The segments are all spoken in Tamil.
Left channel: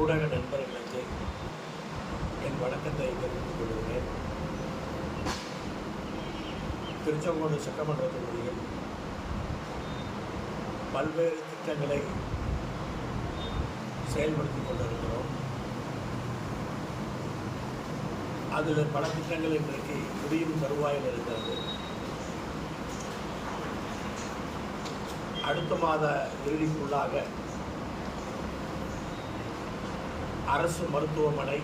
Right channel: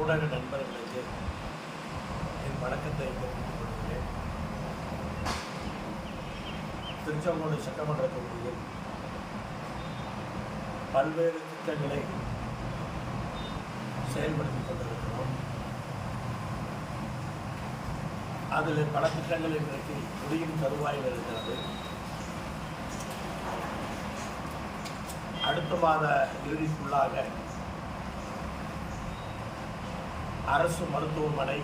ஊடக நண்பர்களுக்கு என் வணக்கத்தை தெரிவித்துக் கொள்கிறேன். திருச்செங்கோடு சட்டமன்ற தொகுதியில் பல்வேறு திட்டங்களை செயல்படுத்திக் கொண்டிருக்கிறோம். அதில் பல திட்டங்கள் இன்றைக்கு முடியும் தருவாயில் இருக்கிறது. அடுத்த மாத இறுதிக்குள்ளாக அரசு மருத்துவமனை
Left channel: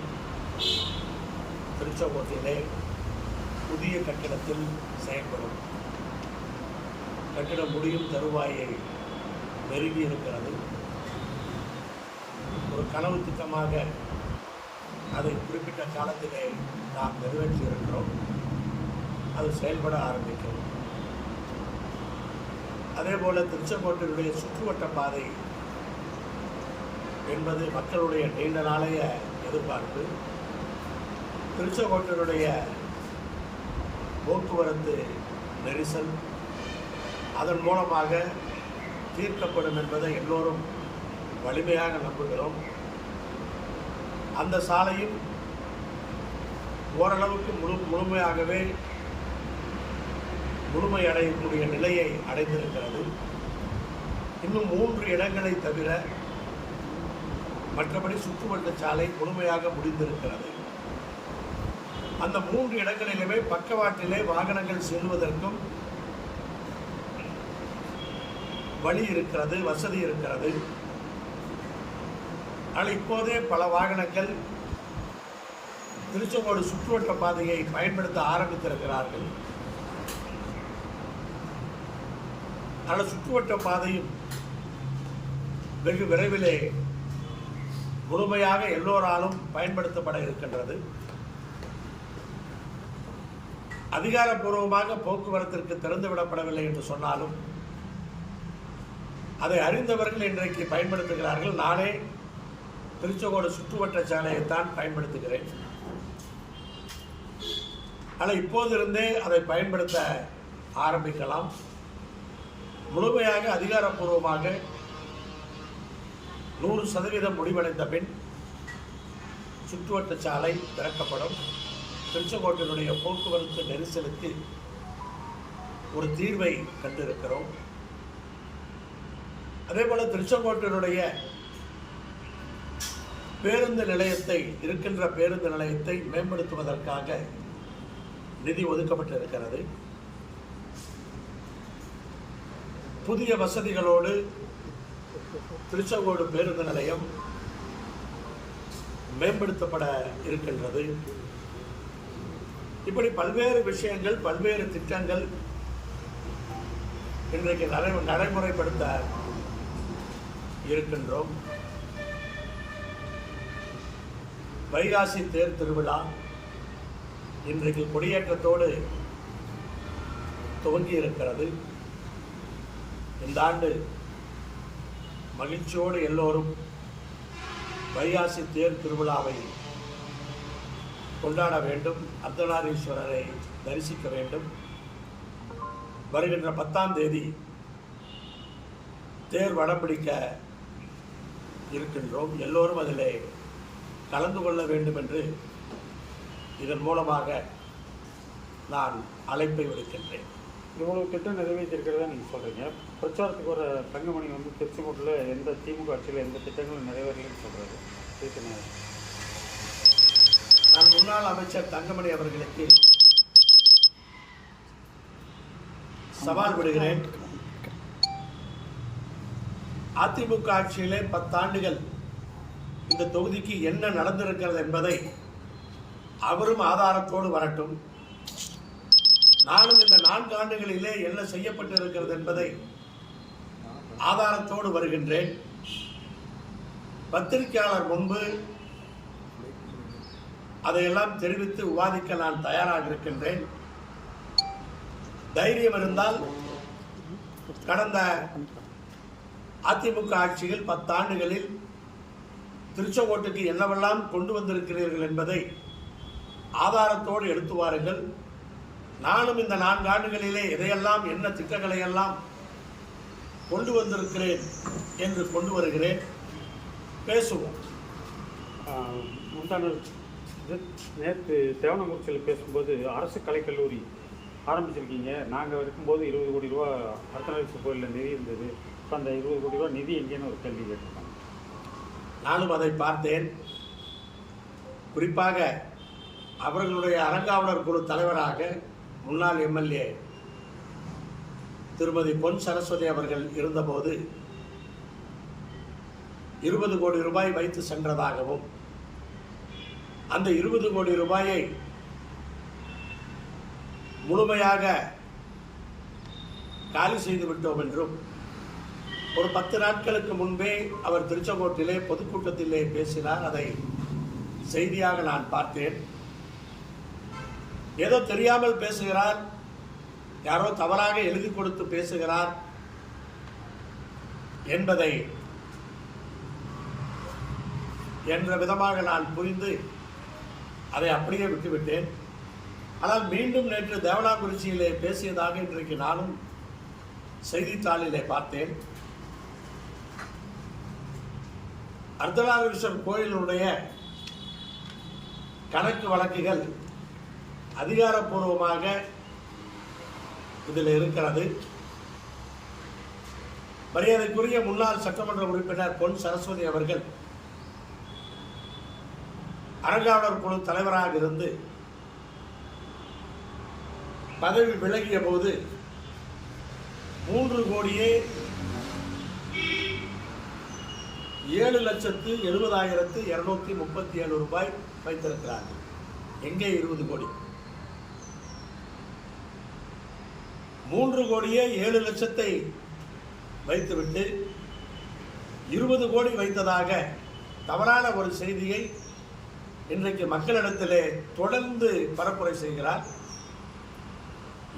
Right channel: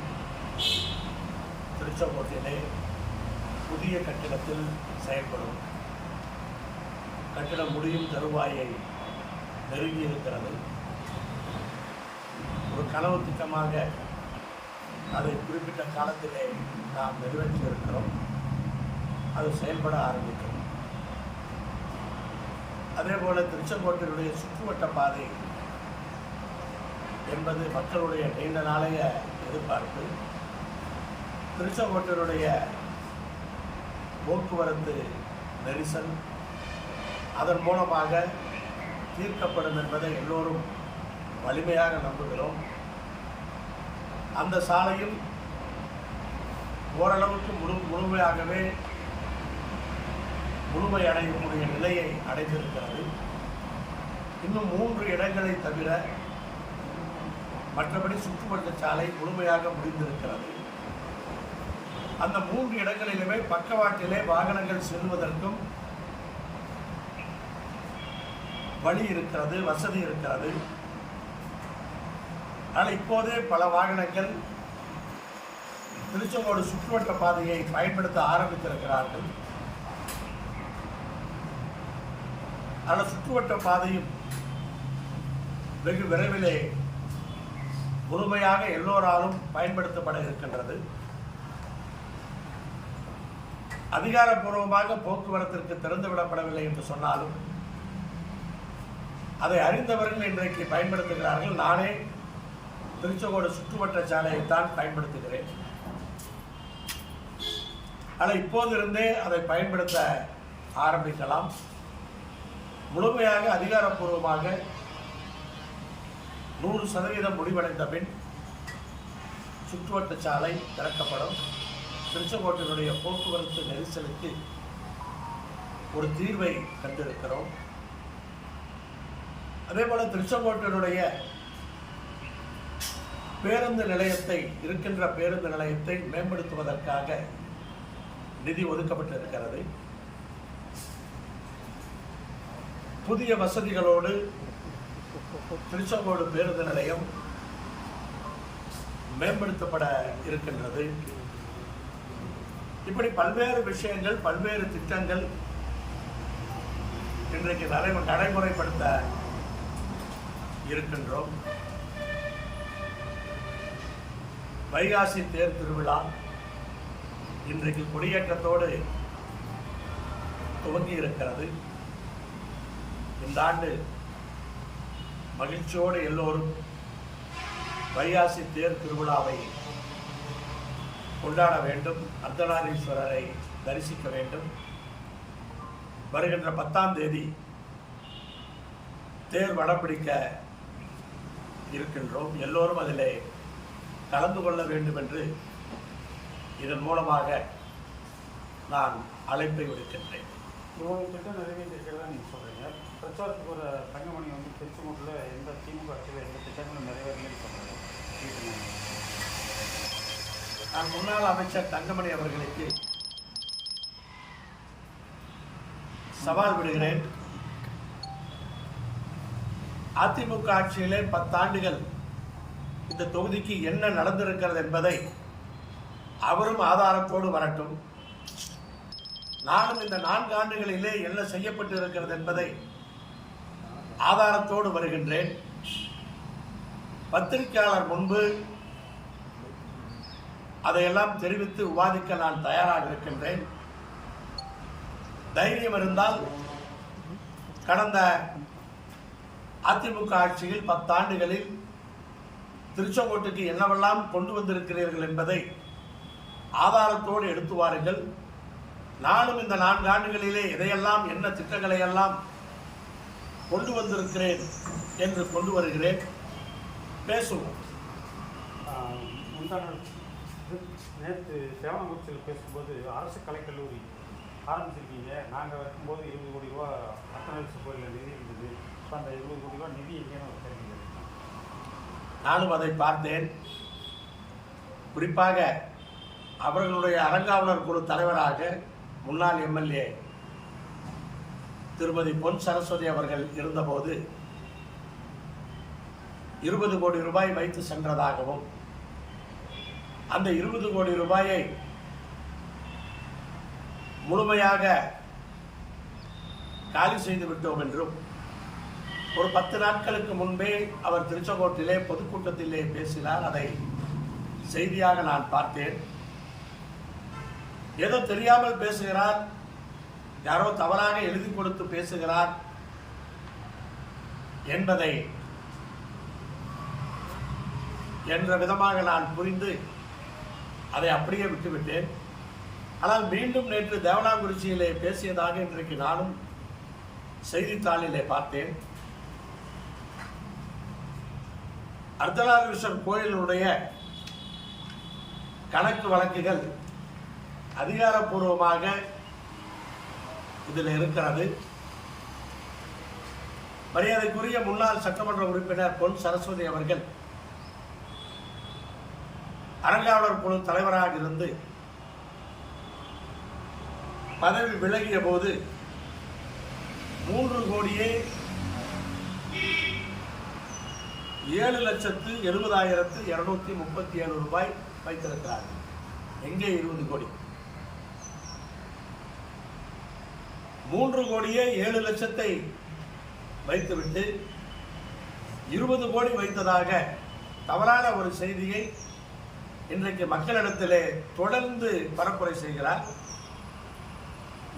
திருச்செங்கோட்டிலே புதிய கட்டிடத்தில் செயல்படும். கட்டிடம் முடியும் தருவாயை நெருங்கி இருக்கிறது. ஒரு கனவு திட்டமாக அதை குறிப்பிட்ட காலத்திலே நாம் நிறைவேற்றியிருக்கிறோம். அது செயல்பட ஆரம்பிக்கும். அதே போல் திருச்செங்கோட்டினுடைய சுற்றுவட்ட பாதை என்பது மக்களுடைய நீண்ட நாளைய எதிர்பார்ப்பு. திருச்செங்கோட்டினுடைய போக்குவரத்து நெரிசல் அதன் மூலமாக தீர்க்கப்படும் என்பதை எல்லோரும் வலிமையாக நம்புகிறோம். அந்த சாலையும் ஓரளவுக்கு முழு முழுமையாகவே முழுமையடையக்கூடிய நிலையை அடைந்திருக்கிறது. இன்னும் மூன்று இடங்களை தவிர மற்றபடி சுற்றுவட்ட சாலை முழுமையாக முடிந்திருக்கிறது. அந்த மூன்று இடங்களிலுமே பக்கவாட்டிலே வாகனங்கள் செல்வதற்கும் வழி இருக்கிறது வசதி இருக்கிறது. ஆனால் இப்போதே பல வாகனங்கள் திருச்செங்கோடு சுற்றுவட்ட பாதையை பயன்படுத்த ஆரம்பித்திருக்கிறார்கள். ஆனால் சுற்றுவட்ட பாதையும் வெகு விரைவிலே முழுமையாக எல்லோராலும் பயன்படுத்தப்பட இருக்கின்றது. அதிகாரப்பூர்வமாக போக்குவரத்திற்கு திறந்துவிடப்படவில்லை என்று சொன்னாலும் அதை அறிந்தவர்கள் இன்றைக்கு பயன்படுத்துகிறார்கள். நானே திருச்செங்கோடு சுற்றுவட்ட சாலையைத்தான் பயன்படுத்துகிறேன். ஆனால் இப்போதிருந்தே அதை பயன்படுத்த ஆரம்பிக்கலாம். முழுமையாக அதிகாரப்பூர்வமாக நூறு சதவீதம் முடிவடைந்த பின் சுற்றுவட்ட சாலை திறக்கப்படும். திருச்செங்கோட்டினுடைய போக்குவரத்து நெரிசலுக்கு ஒரு தீர்வை கண்டிருக்கிறோம். அதேபோல திருச்செங்கோட்டினுடைய பேருந்து நிலையத்தை இருக்கின்ற பேருந்து நிலையத்தை மேம்படுத்துவதற்காக நிதி ஒதுக்கப்பட்டிருக்கிறது. புதிய வசதிகளோடு திருச்செங்கோடு பேருந்து நிலையம் மேம்படுத்தப்பட இருக்கின்றது. இப்படி பல்வேறு விஷயங்கள் பல்வேறு திட்டங்கள் இன்றைக்கு நடை நடைமுறைப்படுத்த இருக்கின்றோம். வைகாசி தேர் திருவிழா இன்றைக்கு கொடியேற்றத்தோடு துவங்கி இருக்கிறது இந்த ஆண்டு மகிழ்ச்சியோடு எல்லோரும் வைகாசி தேர் திருவிழாவை கொண்டாட வேண்டும். அர்த்தநாரீஸ்வரரை தரிசிக்க வேண்டும். வருகின்ற பத்தாம் தேதி தேர் வடம்பிடிக்க இருக்கின்றோம். எல்லோரும் அதிலே கலந்து கொள்ள வேண்டும் என்று இதன் மூலமாக நான் அழைப்பை விடுக்கின்றேன். இவ்வளோ திட்டம் நிறைவேற்றிருக்கிறதா நீங்கள் சொல்கிறீங்க பிரச்சாரத்துக்கு ஒரு தங்கமணி வந்து திருச்செங்கோட்டில் எந்த திமுக ஆட்சியில் எந்த திட்டங்களும் நிறைவேறலன்னு சொல்கிறாங்க கேட்குங்க நான் முன்னாள் அமைச்சர் தங்கமணி அவர்களுக்கு சவால் விடுகிறேன். அதிமுக ஆட்சியிலே பத்தாண்டுகள் இந்த தொகுதிக்கு என்ன நடந்திருக்கிறது என்பதை அவரும் ஆதாரத்தோடு வரட்டும். நானும் இந்த நான்கு ஆண்டுகளிலே என்ன செய்யப்பட்டு இருக்கிறது என்பதை ஆதாரத்தோடு வருகின்றேன். பத்திரிகையாளர் முன்பு அதையெல்லாம் தெரிவித்து விவாதிக்க நான் தயாராக இருக்கின்றேன். தைரியம் இருந்தால் கடந்த அதிமுக ஆட்சியில் பத்தாண்டுகளில் திருச்செங்கோட்டுக்கு என்னவெல்லாம் கொண்டு வந்திருக்கிறீர்கள் என்பதை ஆதாரத்தோடு எடுத்து வாருங்கள். நானும் இந்த நான்கு ஆண்டுகளிலே இதையெல்லாம் என்ன திட்டங்களை எல்லாம் கொண்டு வந்திருக்கிறேன் என்று கொண்டு வருகிறேன். பேசுவோம். நேற்று தேவனங்குறிச்சியில் பேசும்போது அரசு கலைக்கல்லூரி ஆரம்பிச்சிருக்கீங்க. நாங்கள் இருக்கும்போது இருபது கோடி ரூபா அர்த்தநாரீஸ்வரர் கோயிலில் நிதி இருந்தது. இப்போ அந்த இருபது கோடி ரூபா நிதி எங்கேன்னு ஒரு கேள்வி கேட்டிருக்காங்க நானும் அதை பார்த்தேன். குறிப்பாக அவர்களுடைய அறங்காவலர் குழு தலைவராக முன்னாள் எம்எல்ஏ திருமதி பொன் சரஸ்வதி அவர்கள் இருந்தபோது இருபது கோடி ரூபாய் வைத்து சென்றதாகவும் அந்த இருபது கோடி ரூபாயை முழுமையாக காலி செய்து விட்டோம் என்றும் ஒரு பத்து நாட்களுக்கு முன்பே அவர் திருச்செங்கோட்டிலே பொதுக்கூட்டத்திலே பேசினார். அதை செய்தியாக நான் பார்த்தேன். ஏதோ தெரியாமல் பேசுகிறார். யாரோ தவறாக எழுதி கொடுத்து பேசுகிறார் என்பதை என்ற விதமாக நான் புரிந்து அதை அப்படியே விட்டுவிட்டேன். ஆனால் மீண்டும் நேற்று தேவனாங்குறிச்சியிலே பேசியதாக இன்றைக்கு நானும் செய்தித்தாளிலே பார்த்தேன். அர்த்தநாரீஸ்வரர் கோயிலுடைய கணக்கு வழக்குகள் அதிகாரப்பூர்வமாக இதில் இருக்கிறது. மரியாதைக்குரிய முன்னாள் சட்டமன்ற உறுப்பினர் பொன் சரஸ்வதி அவர்கள் அறங்காவலர் குழு தலைவராக இருந்து பதவி விலகிய போது மூன்று கோடியே ஏழு லட்சத்து எழுபதாயிரத்து இருநூத்தி முப்பத்தி ஏழு ரூபாய் வைத்திருக்கிறார்கள். எங்கே இருபது கோடி? மூன்று கோடியே ஏழு லட்சத்தை வைத்துவிட்டு இருபது கோடி வைத்ததாக தவறான ஒரு செய்தியை இன்றைக்கு மக்களிடத்திலே தொடர்ந்து பரப்புரை செய்கிறார்.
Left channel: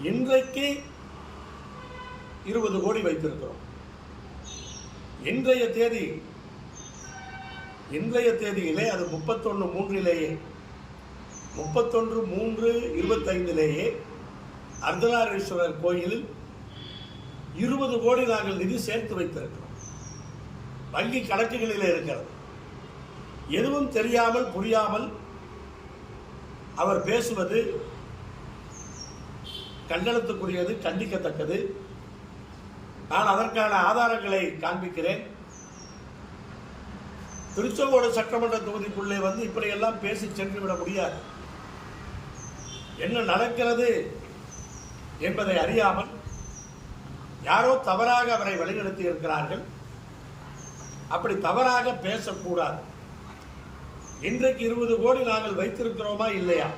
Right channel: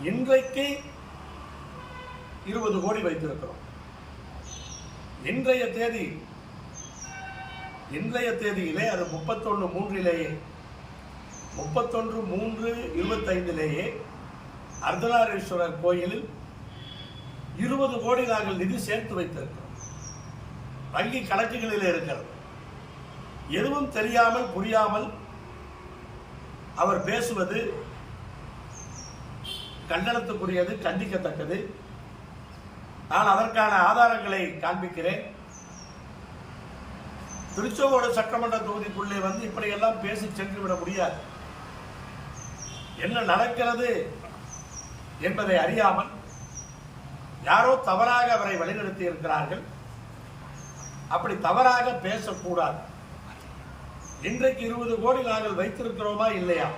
இன்றைக்கு இருபது கோடி வைத்திருக்கிறோம். இன்றைய தேதி இன்றைய தேதியிலே அது முப்பத்தொன்று மூன்றிலேயே முப்பத்தொன்று மூன்று இருபத்தைந்திலேயே அர்த்தநாரீஸ்வரர் கோயிலில் இருபது கோடி நாங்கள் நிதி சேர்த்து வைத்திருக்கிறோம். வங்கி கணக்குகளில் இருக்கிறது. எதுவும் தெரியாமல் புரியாமல் அவர் பேசுவது கண்டனத்துக்குரியது கண்டிக்கத்தக்கது. நான் அதற்கான ஆதாரங்களை காண்பிக்கிறேன். திருச்செங்கோடு சட்டமன்ற தொகுதிக்குள்ளே வந்து இப்படியெல்லாம் பேசி சென்று விட முடியாது. என்ன நடக்கிறது என்பதை அறியாமல் யாரோ தவறாக அவரை வழிநடத்தி இருக்கிறார்கள் அப்படி தவறாக பேசக்கூடாது. இன்றைக்கு இருபது கோடி நாங்கள் வைத்திருக்கிறோமா இல்லையா?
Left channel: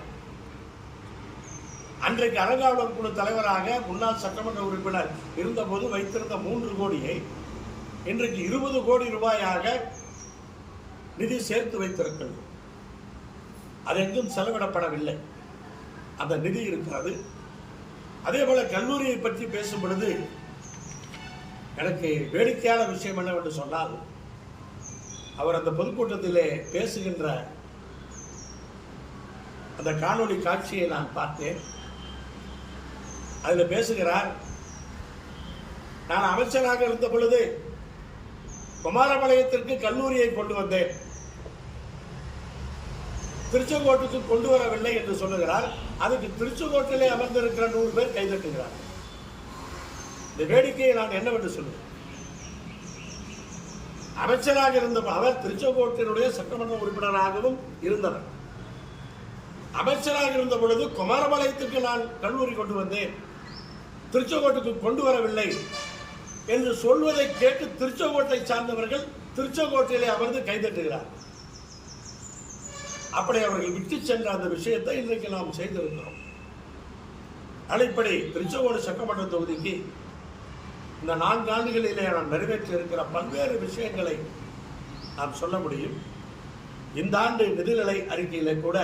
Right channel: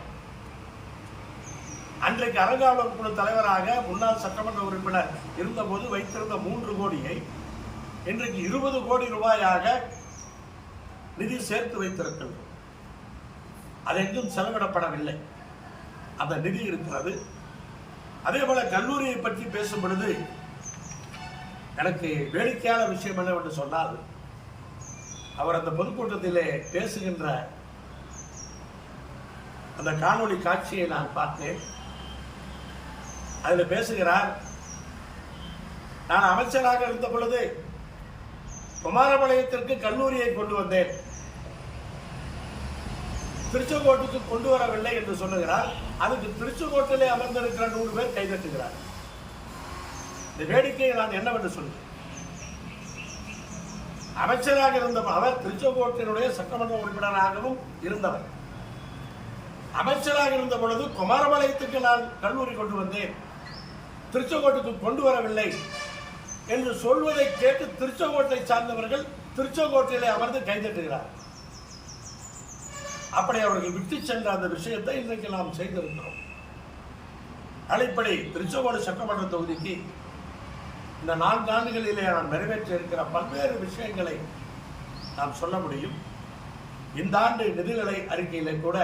அன்றைக்கு அறங்காவலர் குழு தலைவராக முன்னாள் சட்டமன்ற உறுப்பினர் இருந்தபோது வைத்திருந்த மூன்று கோடியை இன்றைக்கு இருபது கோடி ரூபாயாக நிதி சேர்த்து வைத்திருக்கின்றோம். அது எங்கும் செலவிடப்படவில்லை. அந்த நிதி இருக்கிறது. அதே போல கல்லூரியை பற்றி பேசும் பொழுது எனக்கு வேடிக்கையான விஷயம் என்னவென்று சொன்னால் அவர் அந்த பொதுக்கூட்டத்திலே பேசுகின்ற அந்த காணொளி காட்சியை நான் பார்த்தேன். அதில் பேசுகிறார் நான் அமைச்சராக இருந்த பொழுது குமாரபாளையத்திற்கு கல்லூரியை கொண்டு வந்தேன். திருச்செங்கோட்டுக்கு கொண்டு வரவில்லை என்று சொல்லுகிறார். அதுக்கு திருச்சுக்கோட்டிலே அமர்ந்திருக்கிற நூறு பேர் கைதட்டுகிறார். இந்த வேடிக்கையை நான் என்னவென்று சொல்லுவேன். அமைச்சராக இருந்த அவர் திருச்செங்கோட்டினுடைய சட்டமன்ற உறுப்பினராகவும் இருந்தவர். அமைச்சராக இருந்த பொழுது குமாரபாளையத்துக்கு நான் கல்லூரி கொண்டு வந்தேன். திருச்செங்கோட்டுக்கு கொண்டு வரவில்லை என்று சொல்வதை கேட்டு திருச்செங்கோட்டை சார்ந்தவர்கள் திருச்செங்கோட்டிலே அமர்ந்து கைதட்டுகிறார். அப்படி அவர்கள் விட்டு சென்ற அந்த விஷயத்தை இன்றைக்கு நாம் செய்திருக்கிறோம். அடிப்படை திருச்செங்கோடு சட்டமன்ற தொகுதிக்கு இந்த நான்கு ஆண்டுகளிலே நான் நிறைவேற்றி இருக்கிற பல்வேறு விஷயங்களை நாம் சொல்ல முடியும். இந்த ஆண்டு நிதிநிலை அறிக்கையிலே கூட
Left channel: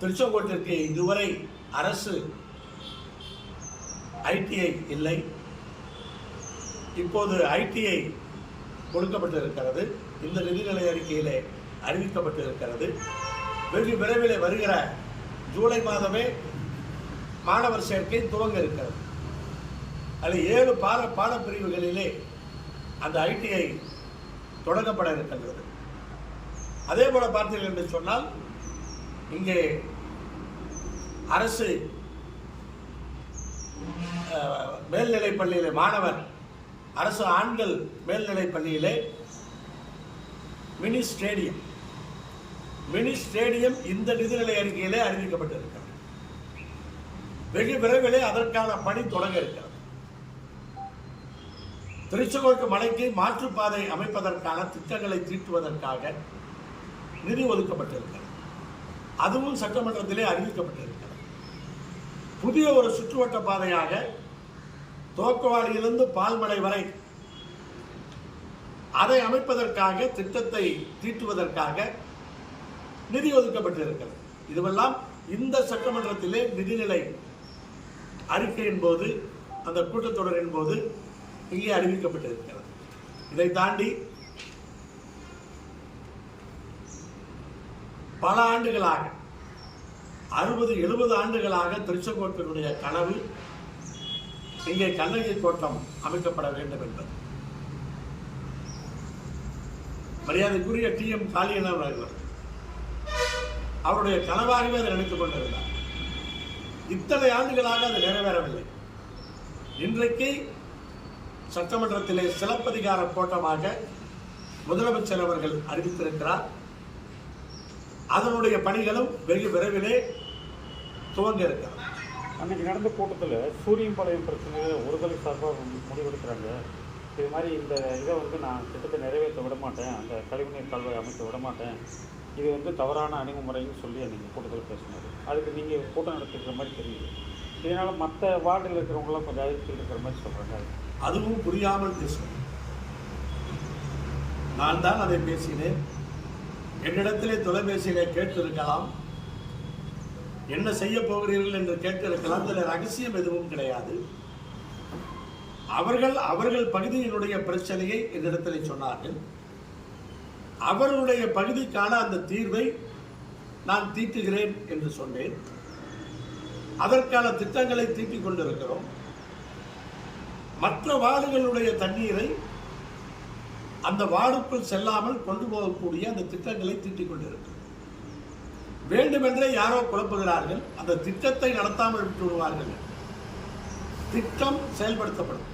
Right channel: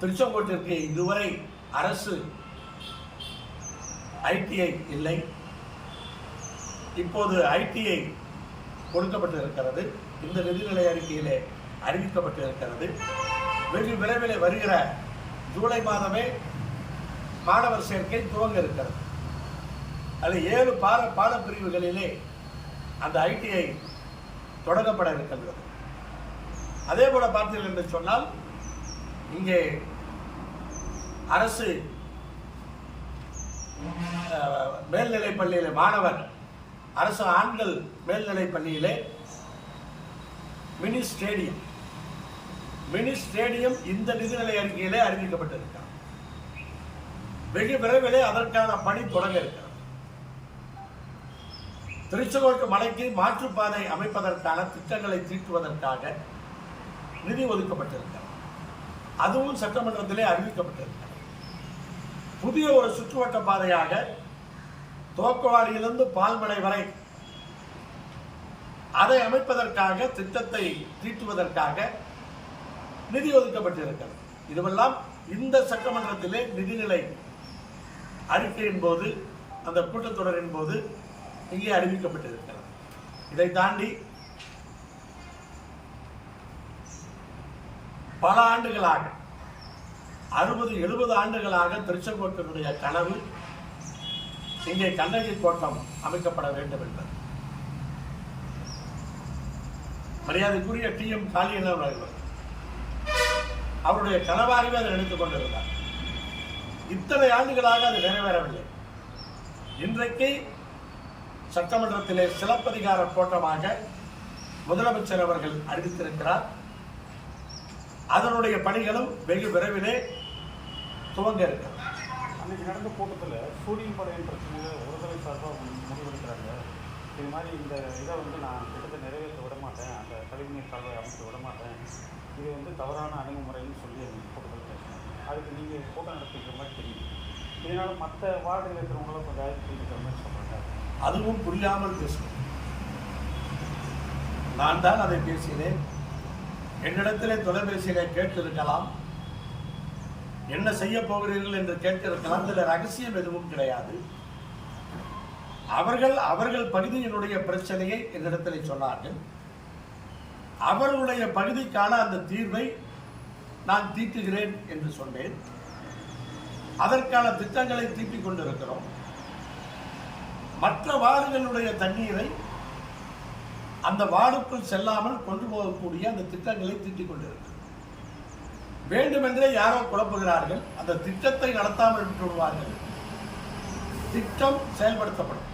திருச்செங்கோட்டிற்கு இதுவரை அரசு ஐடிஐ இல்லை. இப்போது ஐடிஐ கொடுக்கப்பட்டிருக்கிறது. இந்த நிதிநிலை அறிக்கையிலே அறிவிக்கப்பட்டு இருக்கிறது வெகு விரைவில் வருகிற ஜூலை மாதமே மாணவர் சேர்க்கை துவங்க இருக்கிறது. அதில் ஏழு பாட பாடப்பிரிவுகளிலே அந்த ஐடிஐ தொடங்கப்பட இருக்கின்றது. அதே போல பார்த்தீர்கள் என்று சொன்னால் இங்கே அரசு மேல்நிலை பள்ளியிலே மாணவர் அரசு ஆண்கள் மேல்நிலை பள்ளியிலே மினி ஸ்டேடியம் மினி ஸ்டேடியம் இந்த நிதிநிலை அறிக்கையிலே அறிவிக்கப்பட்டிருக்கிறது. வெகு விரைவிலே அதற்கான பணி தொடங்க இருக்கிறது. திருச்செங்கோட்டு மலைக்கு மாற்றுப்பாதை அமைப்பதற்கான திட்டங்களை தீட்டுவதற்காக நிதி ஒதுக்கப்பட்டிருக்கிறது. அதுவும் சட்டமன்றத்திலே அறிவிக்கப்பட்டிருக்கிறது. புதிய ஒரு சுற்றுவட்ட பாதையாக துவக்கவாடியிலிருந்து பால்மலை வரை அதை அமைப்பதற்காக திட்டத்தை தீட்டுவதற்காக நிதி ஒதுக்கப்பட்டிருக்கிறது. இதுவெல்லாம் இந்த சட்டமன்றத்திலே நிதிநிலை அறிக்கையின் போது அந்த கூட்டத்தொடரின் போது இங்கே அறிவிக்கப்பட்டிருக்கிறது. இதை தாண்டி பல ஆண்டுகளாக அறுபது எழுபது ஆண்டுகளாக திருச்செங்கோட்டினுடைய கனவு இங்கே கண்ணகி கோட்டம் அமைக்கப்பட வேண்டும் என்பது. மரியாதைக்குரிய டி எம் காளியன் அவர்கள் அவருடைய கனவாகவே அதை நினைத்துக் கொண்டிருந்தார். இத்தனை ஆண்டுகளாக அது நிறைவேறவில்லை. இன்றைக்கு சட்டமன்றத்திலே சிலப்பதிகார கோட்டமாக முதலமைச்சர் அவர்கள் அறிவித்திருக்கிறார். அதனுடைய பணிகளும் வெகு விரைவிலே துவங்க இருக்கிறார் அன்னைக்கு நடந்த கூட்டத்தில் சூரியன் பழைய பிரச்சனை ஒருதலை சார்பாக முடிவெடுக்கிறாங்க. இது மாதிரி இந்த இதை வந்து நான் திட்டத்தை நிறைவேற்ற விட மாட்டேன். அந்த கழிவுநீர் கால்வாய் அமைக்க விட மாட்டேன். இது வந்து தவறான அணுகுமுறைன்னு சொல்லி எனக்கு கூட்டத்தில் பேசினாங்க அதுக்கு நீங்கள் கூட்டம் நடத்திக்கிற மாதிரி தெரியும் இதனால் மற்ற வார்டில் இருக்கிறவங்களாம் கொஞ்சம் அறிவிப்பு இருக்கிற மாதிரி சொல்கிறாங்க அதுவும் புரியாமல் பேசுவேன் நான் தான் அதை பேசினேன். என்னிடத்திலே தொலைபேசியிலே கேட்டிருக்கலாம். என்ன செய்ய போகிறீர்கள் என்று கேட்டிருக்கலாம். இதில் ரகசியம் எதுவும் கிடையாது. அவர்கள் அவர்கள் பகுதியினுடைய பிரச்சனையை என்னிடத்தில் சொன்னார்கள். அவர்களுடைய பகுதிக்கான அந்த தீர்வை நான் தீட்டுகிறேன் என்று சொன்னேன். அதற்கான திட்டங்களை தீட்டிக் கொண்டிருக்கிறோம். மற்ற வார்டுகளுடைய தண்ணீரை அந்த வார்டுக்குள் செல்லாமல் கொண்டு போகக்கூடிய அந்த திட்டங்களை தீட்டிக் கொண்டிருக்கிறது வேண்டுமென்றே யாரோ குழப்புகிறார்கள். அந்த திட்டத்தை நடத்தாமல் விட்டு விடுவார்கள். திட்டம் செயல்படுத்தப்படும்.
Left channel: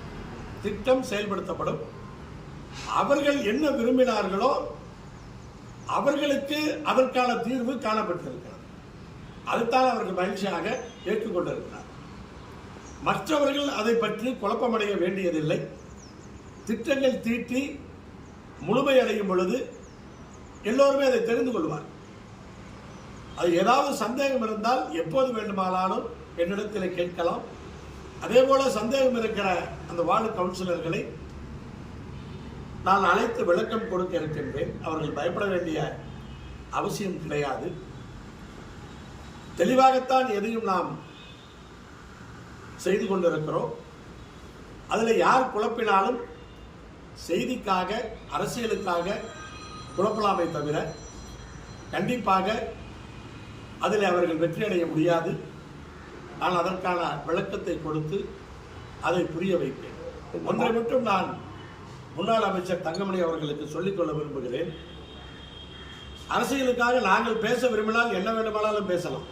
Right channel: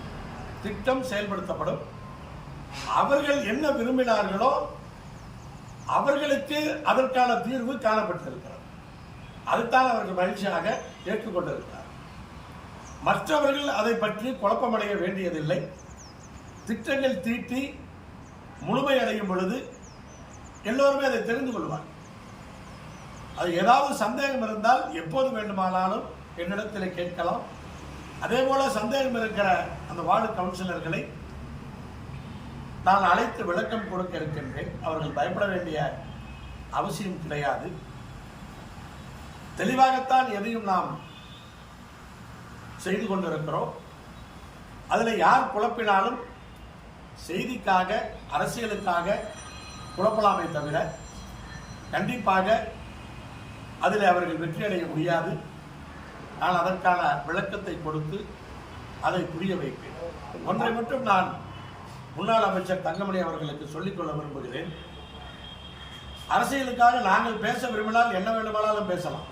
திட்டம் செயல்படுத்தப்படும். அவர்கள் என்ன விரும்பினார்களோ அவர்களுக்கு அதற்கான தீர்வு காணப்பட்டிருக்கிறது. அதுதான் அவர்கள் மகிழ்ச்சியாக ஏற்றுக்கொண்டிருக்கிறார். மற்றவர்கள் அதை பற்றி குழப்பமடைய வேண்டியதில்லை. திட்டங்கள் தீட்டி முழுமையடையும் பொழுது எல்லோருமே அதை தெரிந்து கொள்வார் அது ஏதாவது சந்தேகம் இருந்தால் எப்போது வேண்டுமானாலும் என்னிடத்தில் கேட்கலாம். அதே போல சந்தேகம் இருக்கிற அந்த வார்டு கவுன்சிலர்களை நான் அழைத்து விளக்கம் கொடுக்க இருக்கின்றேன். அவர்கள் பயப்பட வேண்டிய அவசியம் கிடையாது. தெளிவாகத்தான் எதையும் நாம் செய்து கொண்டிருக்கிறோம். அதில் யார் குழப்பினாலும் செய்திக்காக அரசியலுக்காக குழப்பலாமே தவிர கண்டிப்பாக அதில் அவர்கள் வெற்றியடைய முடியாது. நான் அதற்கான விளக்கத்தை கொடுத்து அதை புரிய வைப்பேன். ஒன்றை மட்டும் நான் முன்னாள் அமைச்சர் தங்கமணி அவர்களுக்கு சொல்லிக்கொள்ள விரும்புகிறேன். அரசியலுக்காக நாங்கள் பேச விரும்பினால் என்ன வேண்டுமானாலும் பேசலாம்.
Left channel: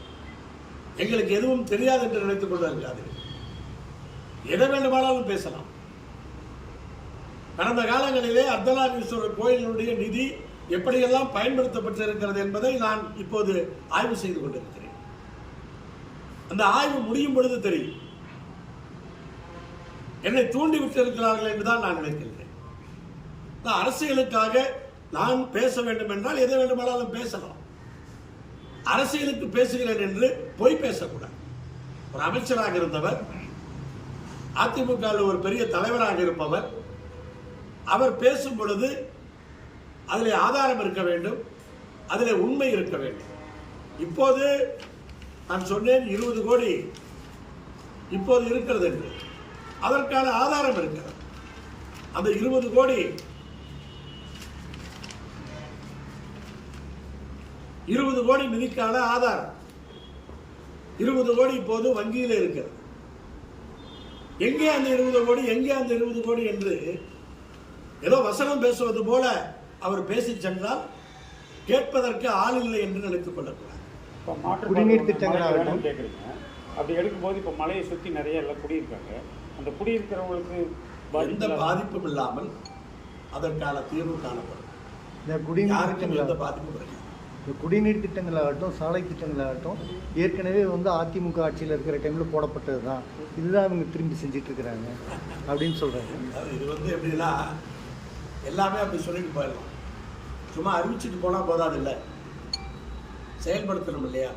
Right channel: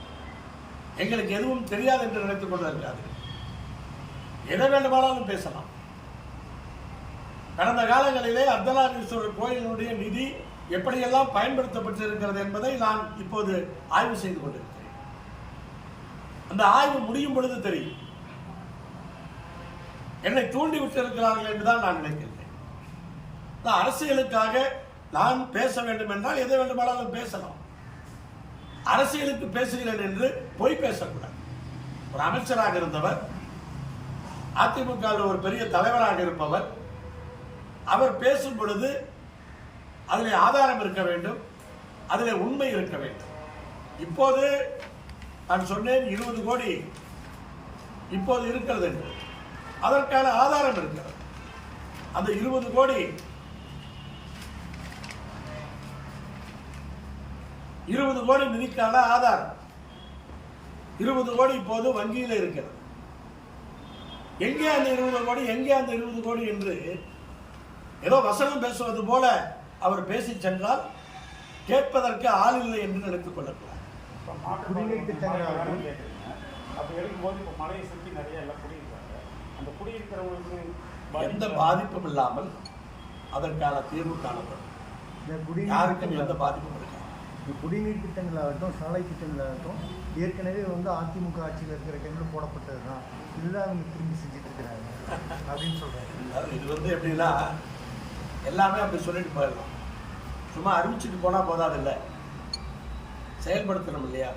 எங்களுக்கு எதுவும் தெரியாது என்று நினைத்துக் கொண்டு எதை வேண்டுமானாலும் பேசலாம். கடந்த காலங்களிலே அர்த்தநாரீஸ்வரர் கோயிலினுடைய நிதி எப்படியெல்லாம் பயன்படுத்தப்பட்டு இருக்கிறது என்பதை நான் இப்போது ஆய்வு செய்து கொண்டிருக்கிறேன். அந்த ஆய்வு முடியும் பொழுது தெரியும். என்னை தூண்டி விட்டிருக்கிறார்கள் என்றுதான் நான் நினைக்கின்றேன். நான் அரசியலுக்காக நான் பேச வேண்டும் என்றால் எதை வேண்டுமானாலும் பேசலாம். அரசியலுக்கு பேசுகிறேன் என்று பொய் பேசக்கூடாது. ஒரு அமைச்சராக இருந்தவர் அதிமுக ஒரு பெரிய தலைவராக இருப்பவர் அவர் பேசும் பொழுது அதில் ஆதாரம் இருக்க வேண்டும் அதில் உண்மை இருக்க வேண்டும். இப்போது நான் சொன்னேன் இருபது கோடி இப்போது இருக்கிறது என்று. அதற்கான ஆதாரம் இருக்கிறது. அந்த இருபது கோடி இருபது கோடி நிதிக்கான ஆதாரம். இருபது கோடி இப்போது வங்கியில் இருக்கிறது. எங்கே அந்த இருபது கோடி எங்கே அந்த இருபது கோடி என்று ஏதோ வசனம் பேசுவது போல அவர் பேசி சென்றால் கேட்பதற்கு ஆள் இல்லை என்று நினைத்துக் கொள்ளக்கூடாது. குடிநீர் திட்டங்கள் ஆகட்டும். கேட்குறீங்க. அப்படி எடுக்கும்போது இப்போ மலையை சுற்றி நிறைய எல்லாம் குடியிருக்காங்க. அந்த குடியிருக்கிறவங்களுக்கு எந்த பாதிப்பும் இல்லாமல் அதற்கான தீர்வு காணப்படும். யாருக்கும் எந்த திட்டங்கள் பாதிப்பும் இருக்காது. இந்த குடிநீர் திட்டங்களாகட்டும் சாலை திட்டங்களாகட்டும் ஏற்கனவே வந்து அதிமுக ஆட்சியில் இருக்கிற டைமில் போடப்பட்டது தான் இதுதான் அவங்க திரும்பி செஞ்சுட்டு இருக்கிறாங்க அப்படின்னு சொல்கிறாங்க அதாவது இது வந்து எப்படின்னா எல்லாமே அப்படி சொல்லிட்டு போயிடலாம். சும்மா அறிவிச்சிட்டு போனால் போதாதில்ல. செயல்படுத்தணும் இல்லையா?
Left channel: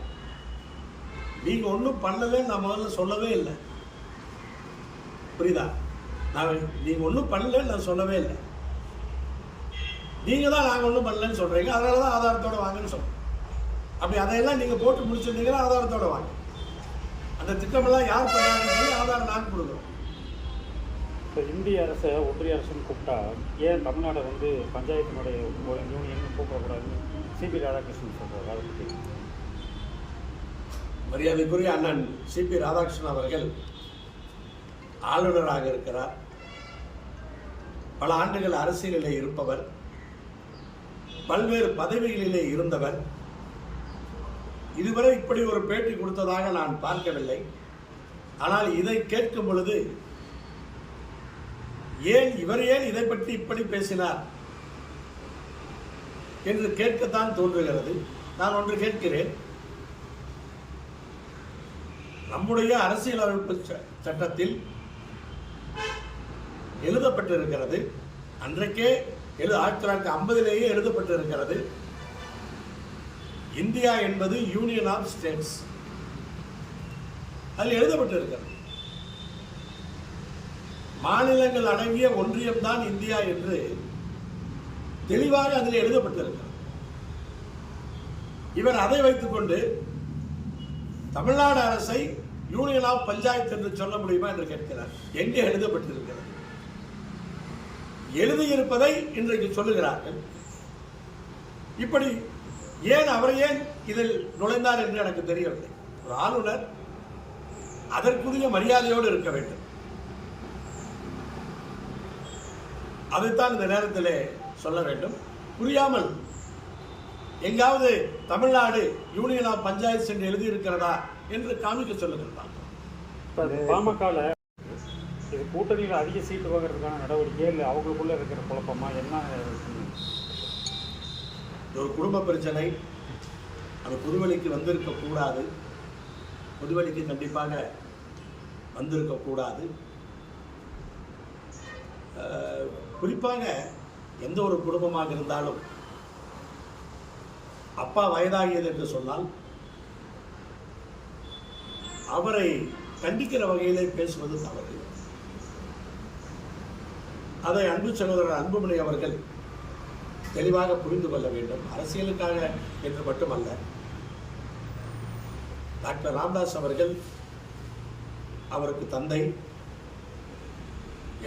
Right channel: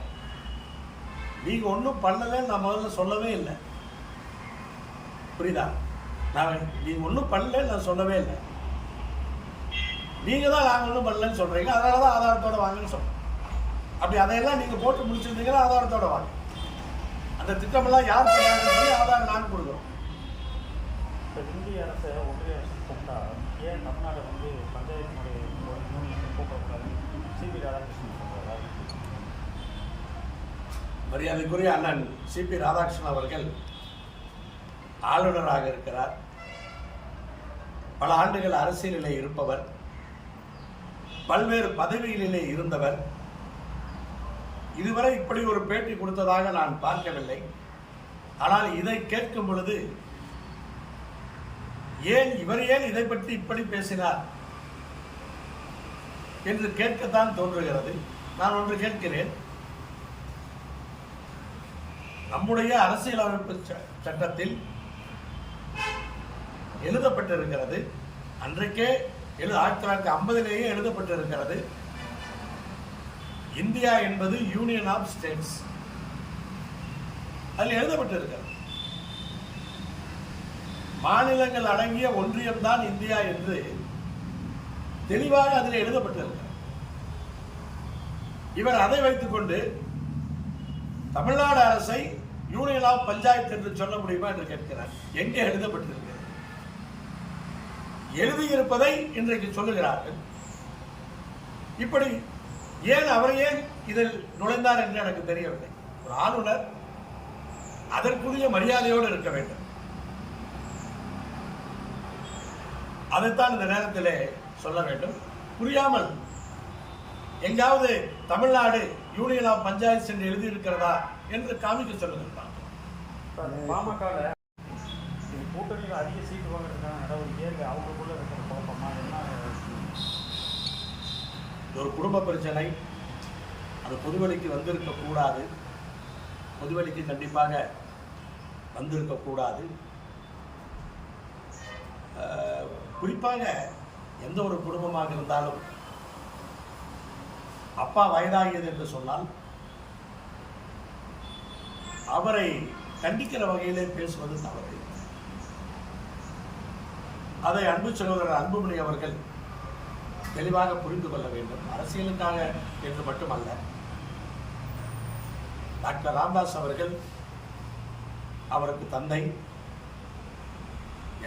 நீங்கள் ஒன்றும் பண்ணலைன்னு நான் முதல்ல சொல்லவே இல்லை. புரியுதா? நான் நீங்கள் ஒன்றும் பண்ணலன்னு நான் சொல்லவே இல்லை. நீங்கள் தான் நாங்கள் ஒன்றும் பண்ணலன்னு சொல்கிறீங்க அதனால தான் ஆதாரத்தோட வாங்கன்னு சொல்கிறேன் அப்படி அதையெல்லாம் நீங்கள் போட்டு முடிச்சிருந்தீங்கன்னா ஆதாரத்தோடு வாங்க. அந்த திட்டமெல்லாம் யார் பண்ணாங்கன்னு சொல்லி ஆதாரம் நாங்கள் கொடுக்குறோம். இப்போ இந்திய அரசை ஒன்றிய அரசுன்னு கூப்பிட்டா ஏன் தமிழ்நாடு வந்து பஞ்சாயத்தினுடைய ஒரு யூனியன் கூப்பிடக்கூடாதுன்னு சிபி ராதாகிருஷ்ணன் மரியாதைக்குரிய அண்ணன் சிபி ராதாகிருஷ்ணன் அவர்கள் ஆளுநராக இருக்கிறார். பல ஆண்டுகள் அரசியலிலே இருப்பவர். பல்வேறு பதவிகளிலே இருந்தவர். இதுவரை இப்படி ஒரு பேட்டி கொடுத்ததாக நான் பார்க்கவில்லை. ஆனால் இதை கேட்கும் பொழுது ஏன் இவர் ஏன் இதை பற்றி இப்படி பேசினார் என்று கேட்கத்தான் தோன்றுகிறது. நான் ஒன்று கேட்கிறேன். நம்முடைய அரசியலமைப்பு ச- சட்டத்தில் எழுதப்பட்டிருக்கிறது. அன்றைக்கே எழு ஆயிரத்தி தொள்ளாயிரத்தி ஐம்பதிலேயே எழுதப்பட்டிருக்கிறது. இந்தியா என்பது யூனியன் ஆஃப் ஸ்டேட்ஸ் அதில் எழுதப்பட்டிருக்கிறது. மாநிலங்கள் அடங்கிய ஒன்றியம் தான் இந்தியா என்று தெளிவாக அதில் எழுதப்பட்டிருக்கிறது. இவர் அதை வைத்துக்கொண்டு தமிழ்நாடு அரசை யூனியன் ஆஃப் பஞ்சாயத்து என்று சொல்ல முடியுமா என்று கேட்கிறார். எங்கே எழுதப்பட்டிருக்கிறது? எழுதியிருப்பதை இன்றைக்கு சொல்லுகிறார்கள். இப்படி ஏன் அவர் ஏன் இதில் நுழைந்தார் என்று எனக்கு தெரியவில்லை. ஒரு ஆளுநர் அதற்குரிய மரியாதையோடு இருக்க வேண்டும். அதைத்தான் இந்த நேரத்திலே சொல்ல வேண்டும். புரியாமல் எங்காவது தமிழ்நாடு யூனியன் ஆஃப் பஞ்சாயத்து என்று எழுதியிருக்கிறதா? என்று காமிக்க சொல்லுங்கள் அது பாமகவில் கூட்டணியில் அதிக சீட்டு வாங்குறதுக்கான நடவடிக்கை இல்லை அவங்களுக்குள்ள இருக்கிற குழப்பமா என்ன ஒரு குடும்ப பிரச்சனை அது பொதுவெளிக்கு வந்திருக்க கூடாது. பொதுவெளிக்கு கண்டிப்பாக வந்திருக்க கூடாது. அஹ், குறிப்பாக எந்த ஒரு குடும்பமாக இருந்தாலும் அப்பா வயதாகியது என்று சொன்னால் அவரை கண்டிக்கிற வகையிலே பேசுவது தவறு. அதை அன்பு சகோதரர் அன்புமணி அவர்கள் தெளிவாக புரிந்து கொள்ள வேண்டும். அரசியலுக்காக என்று மட்டுமல்ல டாக்டர் ராம்தாஸ் அவர்கள் அவருக்கு தந்தை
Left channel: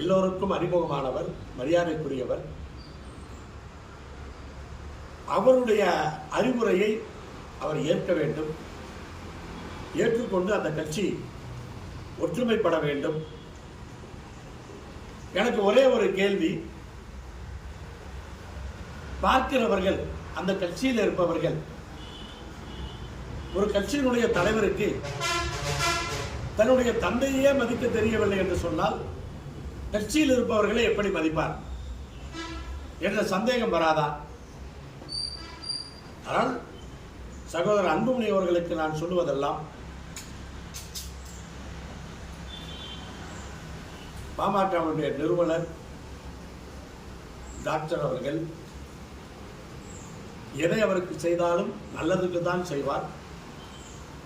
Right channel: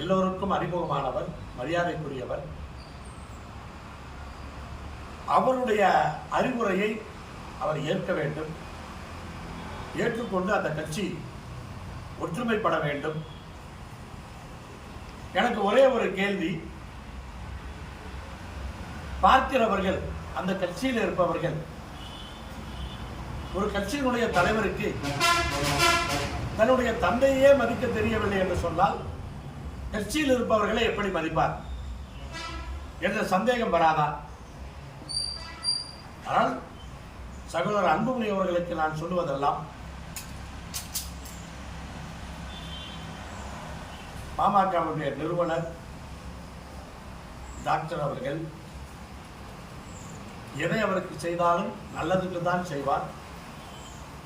எல்லோருக்கும் அறிமுகமானவர் மரியாதைக்குரியவர். அவருடைய அறிவுரையை அவர் ஏற்க வேண்டும். ஏற்றுக்கொண்டு அந்த கட்சி ஒற்றுமைப்பட வேண்டும். எனக்கு ஒரே ஒரு கேள்வி. பார்க்கிறவர்கள் அந்த கட்சியில் இருப்பவர்கள் ஒரு கட்சியினுடைய தலைவருக்கு தன்னுடைய தந்தையே மதிக்க தெரியவில்லை என்று சொன்னால் கட்சியில் இருப்பவர்களை எப்படி மதிப்பார்? என்ற சந்தேகம் வராதா? ஆனால் சகோதரர் அன்புமணி அவர்களுக்கு நான் சொல்லுவதெல்லாம் பாமகவுடைய நிறுவனர் டாக்டர் அவர்கள் எதை அவருக்கு செய்தாலும் நல்லதுக்கு தான் செய்வார்.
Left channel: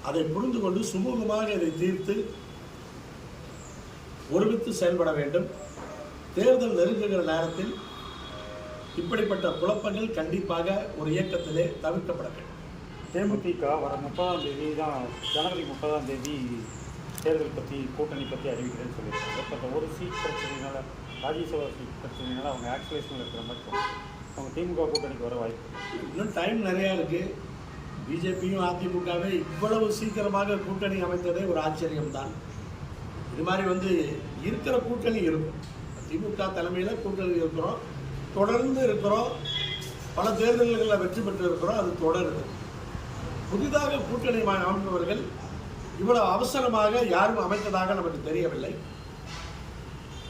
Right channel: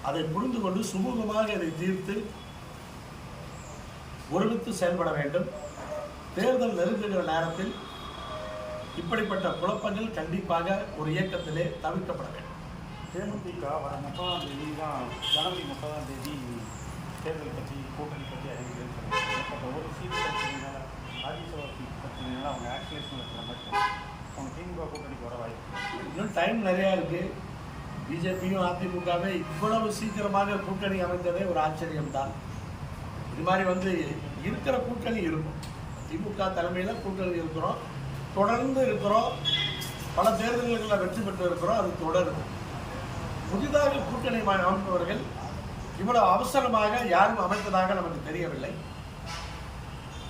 அதை புரிந்து கொண்டு சுமூகமாக இதை தீர்த்து ஒருமித்து செயல்பட வேண்டும். தேர்தல் நெருங்குகிற நேரத்தில் இப்படிப்பட்ட குழப்பங்கள் கண்டிப்பாக ஒரு இயக்கத்திலே தவிர்க்கப்பட வேண்டும். தேமுதிக வர முப்பதாம் தேதி தான் ஜனவரி முப்பதாம் தேதி தேர்தல் பற்றி கூட்டணி பற்றி அறிவிக்கிறேன்னு சொல்லியிருக்காங்க. பட் ஒரு சீட் பிரச்சனையினால ராஜ்யசபா சீட் பிரச்சனையினால அவங்க ஆக்சுவலேஷன் இருக்கிற மாதிரி அவங்க திமுக கூட்டணிக்கு வர வாய்ப்பு இன்னும் டைம் நிறையா இருக்குது பிஜேபியும் அதிமுகவே இவ்வளவு சீக்கிரமாக கூட்டணி அமைத்ததே ஒரு ஆச்சரியம்தான். இது மாதிரி வந்து இருக்கிற கூட்டணி இருக்கும். திமுக தலைமையில் கூட்டணி இருக்கிறோம். தொடர்ந்து இருக்கிறோம். பல தேர்தல்களில் வெற்றி பெற்று இருக்கிறோம் அது தொடருது. புதிதாக கூட்டணி அமைப்பவர்கள் இவ்வளவு அவசரமாக யாரும் அமைத்ததாக நமக்கு தெரியவில்லை.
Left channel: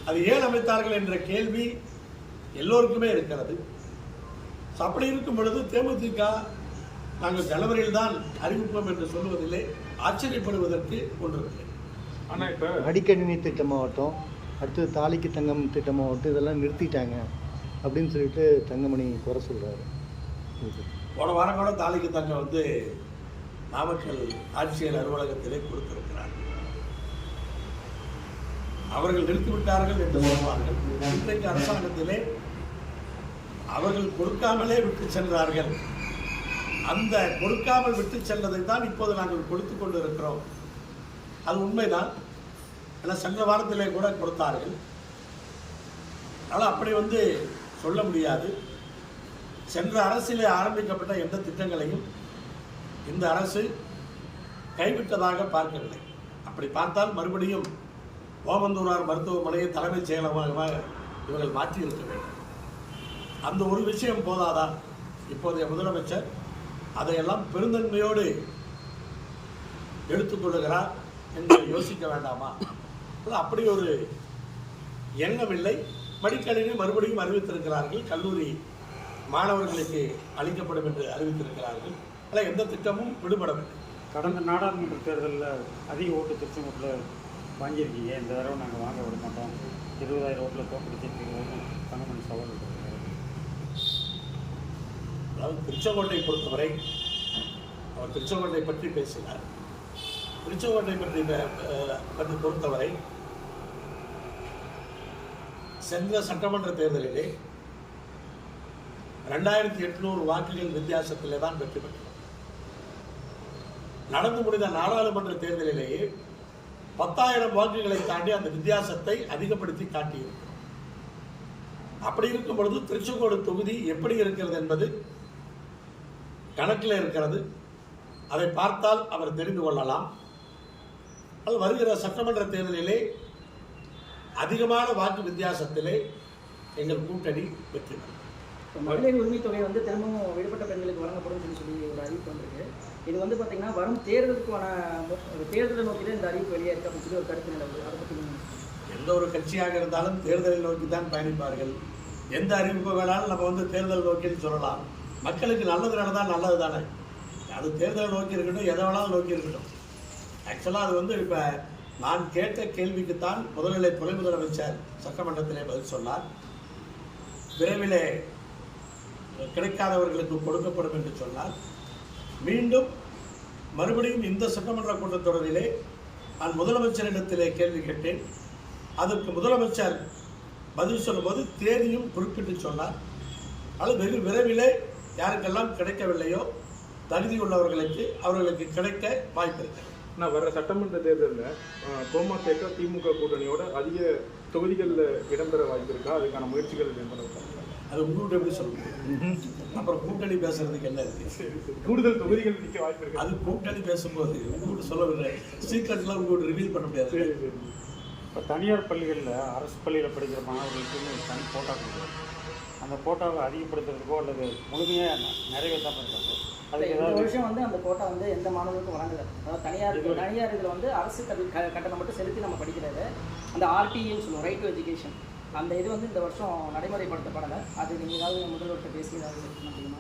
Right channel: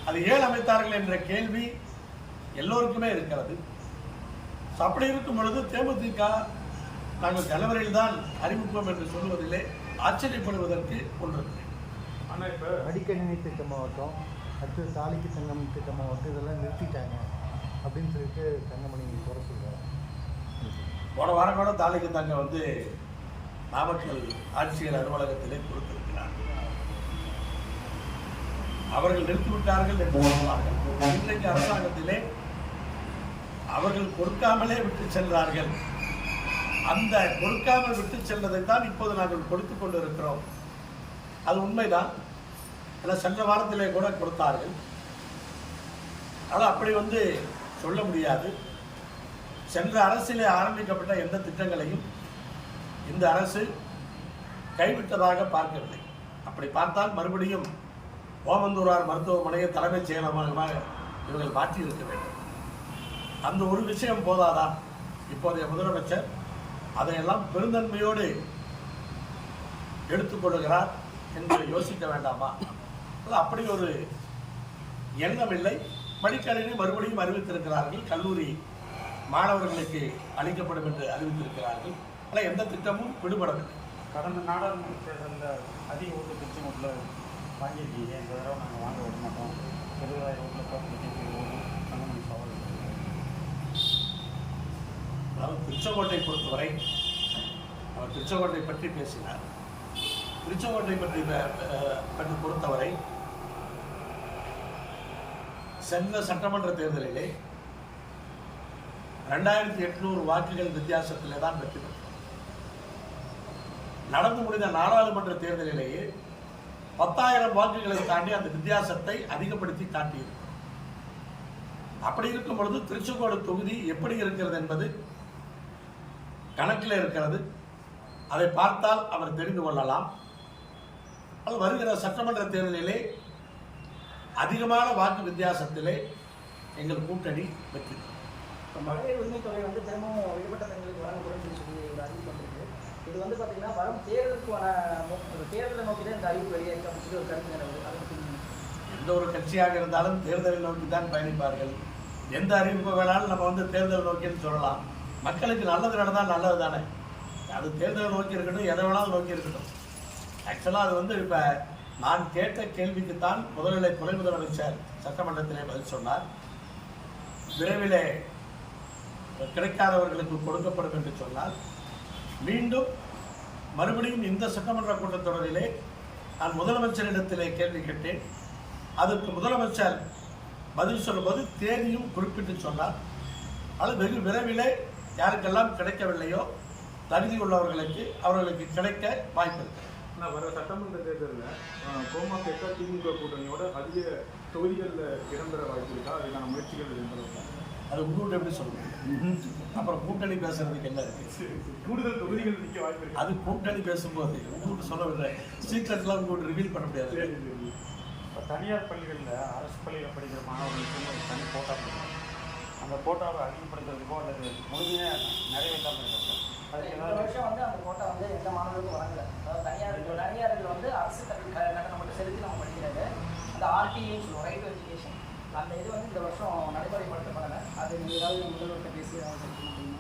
அது ஏன் அமைத்தார்கள் என்ற கேள்வி எல்லோருக்குமே இருக்கிறது. அப்படி இருக்கும் பொழுது தேமுதிக நாங்கள் ஜனவரியில் தான் அறிவிப்போம் என்று சொல்லுவதிலே ஆச்சரியப்படுவதற்கு ஒன்றுமில்லை. ஆனா இப்ப அடிக்கணினி திட்டமாகட்டும் அடுத்தது தாலிக்கு தங்கம் திட்டமாகட்டும் இதெல்லாம் நிறுத்திட்டாங்க அப்படின்னு சொல்லிட்டு தங்கமணி குறை சொல்கிறாரு போன வாரம் கூட தாலிக்கு தங்க வந்து நாமக்கல் ஆட்சியர் அலுவலகத்திலே கொடுத்திருக்கிறார்கள் அவர்கள் நிறுத்திவிட்டார்கள் என்று சொல்வார்கள் இன்றைக்கு அரசாங்கத்திலே அவர்கள் கொடுக்காமலே விட்டு சென்றார்கள். அந்த கொடுக்காமல் விட்டு சென்றதை தான் இப்போது நாங்கள் கொடுத்து கொண்டு இருக்கிறோம் அது உண்மைதான். ஏன்னா சென்ற வாரத்திலே கூட கொடுத்தார்கள். ஆனால் அப்படி வந்து சொல்ல முடியாது. சென்ற அரசிலே ஆரம்பிக்கப்பட்ட எந்த திட்டங்களையும் இந்த அரசு கைவிட்டதாக பார்க்கவில்லை. அப்படி பார்த்தால் மறுபடியும் ஓமந்தூரார் மருத்துவமனையை தலைமைச் செயலகமாக இவர்கள் மாற்றி இருக்க வேண்டும். அந்த ஒரு விஷயம் போதாதா? இப்போதைய முதலமைச்சர் அதையெல்லாம் பெருந்தன்மையோடு எடுத்துக்கொள்கிறார் என்று யோசிக்க வேண்டாமா? அது அப்படி ஒரு எண்ணம் இல்லை. மடிக்கணினி மறுபடியும் அறிவித்திருக்கிறார்கள். கல்லூரி மாணவர்களுக்கு அளிக்கப்படும் என்று அறிவித்திருக்கிறார்கள். ஆனால் எந்த திட்டமும் விடுபடவில்லை. கடந்த நாடாளுமன்ற தேர்தலில் அதிக ஓட்டு திருச்சி மட்டும் வாங்கியிருக்கீங்க. இந்த தடவை நாங்கள் வாங்க விட மாட்டோம். இருபதாயிரம் ஓட்டில் தங்கமணி சவால் அதாவது திருச்செங்கோட்டை பொறுத்தவரை அவர் திருச்செங்கோட்டை பற்றி பேசினார். திருச்செங்கோட்டை பற்றி பற்றி பொறுத்தவரை சென்ற சட்டமன்ற தேர்தலிலே ரெண்டாயிரத்தி எட்நூறு வாக்குகள் வித்தியாசத்திலே தான் வெற்றி பெற்றோம் நடந்து முடிந்த நாடாளுமன்ற தேர்தலிலேயே பத்தாயிரம் வாக்குகளை தாண்டி அந்த வித்தியாசத்தை அதிகப்படுத்தி காட்டியிருக்கிறோம். அப்படி இருக்கும் பொழுது திருச்செங்கோடு தொகுதி எப்படி இருக்கிறது என்பது கணக்கில் இருக்கிறது. அதை பார்த்தால் அவர் தெரிந்து கொள்ளலாம். அது வருகிற சட்டமன்ற தேர்தலிலே அதிகமான வாக்கு வித்தியாசத்திலே எங்கள் கூட்டணி வெற்றி பெறும். மகளிர் உரிமை தொகை வந்து திரும்பவும் விடுபட்ட பெண்களுக்கு வழங்கப்படும் சொல்லி ஒரு அறிவிப்பு இது வந்து பார்த்தீங்கன்னா வரும் தேர்தலுக்கான தேர்தலை நோக்கி தான் இந்த அறிவிப்பு வெளியேற்ற அப்படின்னு சொல்லி ஒரு கருத்து நிலவுது எந்த ஒரு கட்சியாக இருந்தாலும் தேர்தலை நோக்கி தான் பயணிப்பார்கள். எந்த அறிவிப்பு வேணாலும் நம்ம வந்து தேர்தல் நோக்கின்னு சொல்லலாம். மக்களுக்கு நல்லது நடந்தால் நல்லது தானே அது தேர்தலை நோக்கி இருக்கட்டும் எதை வேணாலும் நோக்கி இருக்கட்டும். ஆக்சுவலாக அது வந்து இப்போ நான் கேட்ட கேள்விக்குத்தான் முதல்நிலை துணை முதலமைச்சர் சட்டமன்றத்திலே பதில் சொன்னார். விரைவிலே கிடைக்காதவர்களுக்கு கொடுக்கப்படும் என்று சொன்னால் மீண்டும் மறுபடியும் இந்த சட்டமன்ற கூட்டத்தொடரிலே நான் முதலமைச்சரிடத்திலே கேள்வி கேட்டேன். அதற்கு முதலமைச்சர் பதில் சொல்லும்போது தேதியும் குறிப்பிட்டு சொன்னார். அது வெகு விரைவிலே யாருக்கெல்லாம் கிடைக்கவில்லையோ தகுதி உள்ளவர்களுக்கு அவர்களுக்கு கிடைக்க வாய்ப்பு இருக்கிறது நான் வர சட்டமன்ற தேர்தலில் கோமாத்தேக்கா திமுக கூட்டணியோட அதிக தொகுதிகளில் இடம்பெற வாய்ப்பு இருக்கா? அதுக்கான முயற்சிகள் இடம்பெற அது உங்கள்கிட்ட எப்படி சொல்ல முடியும் அப்புறம் கூட்டணி பேசுறதுக்கு என்ன இருக்கு கூடுதல் தொகுதிகள் நிற்க வாய்ப்பு இருக்கா. அது கூட்டணி பேசும்போது உங்கள்கிட்ட சொல்லவில்லை சீக்கிரட்லாம் உங்கள்கிட்ட ரிவீல் பண்ண முடியாது. இப்போ தனியார் பள்ளிகளில் அரசு பள்ளியில் படிக்கிற மாணவர்களுக்கு தனி கோட்டா அந்த கோட்டாவை அதிகப்படுத்துறதுக்கோ அல்லது முழுமையாக நிறைவேற்ற பண்ணுறது அதுக்கு இந்த வருஷம் வந்து அந்த கோட்டா வந்து எந்த மாணவருக்கும் வழங்கல அதாவது தனியார் தனியார் இதுல வந்து அரசு கட்டணம் மட்டும் செலுத்தி நம்ம படிக்கிறது. இந்த ஆர்டிஏன்னு சொல்லுவோம் ரைட் டு எஜுகேஷன் அந்த இது வந்து இந்த வருஷம் நடைமுறைப்படுத்தப்படலை. அது நீங்கள் ஏதாவது முதல்வர்கிட்ட பேசி?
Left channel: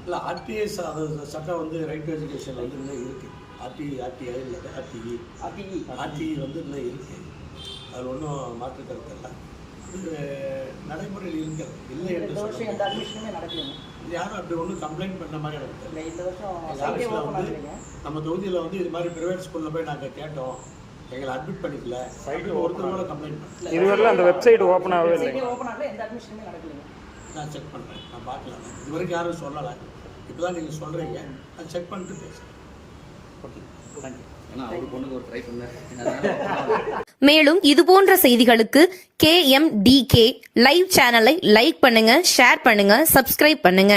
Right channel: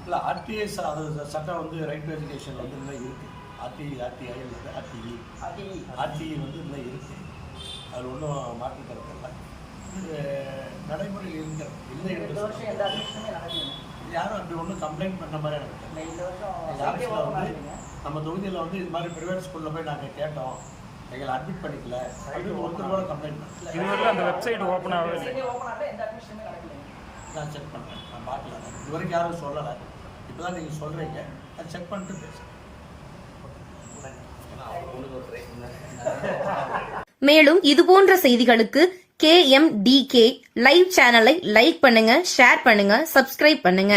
இல்லை ஆர்டிஐ அது சட்டம் வந்து ரைட் டு எஜுகேஷன் வந்து இன்னும் இருக்குது ஆர்டிஐ ஆர்டிஐ இல்லை ஆர்டிஇ RTE. ஆர்டிஇ வந்து இன்னும் இருக்குது அதில் ஒன்றும் மாற்று கருத்து இல்லை. அது நடைமுறையில் இருக்கிறது. இல்லை என்று சொல்ல யாரும் அப்படி ஒன்றும் கம்ப்ளைண்ட் பண்ண மாதிரி எனக்கு தெரியல. இந்த வருஷம் வந்து. நம்ம தொகுதியில் வந்து இது மாதிரி ப்ரைவேட் ஸ்கூலில் போய் நாங்கள் கேட்டோம். எங்களை அட்மிட் பண்ணிக்கல. அப்படின்னு ஒருத்தர் கூட கம்ப்ளைண்ட் பண்ணல. இதுவரையிலும் அந்த வெப்சைட் ஓப்பன் ஆகவே இல்லை. Website ஏ open ஆகல, எந்த அட்மிஷனுமே நடக்கலைங்க நான் செக் பண்ணுறேன். நான் பார்க்கல. நான் இது வரைக்கும் யாரும் சொல்லலை. இப்போ தான் நீங்கள் சொல்கிறீங்க நான் செக் பண்ணிட்டு பேசுகிறேன் மேலும் இதுபோன்ற செய்திகளுக்கு KMDK லைவ் சேனலை லைக் பண்ணுங்க ஷேர் பண்ணுங்க சப்ஸ்கிரைப் பண்ணுங்க.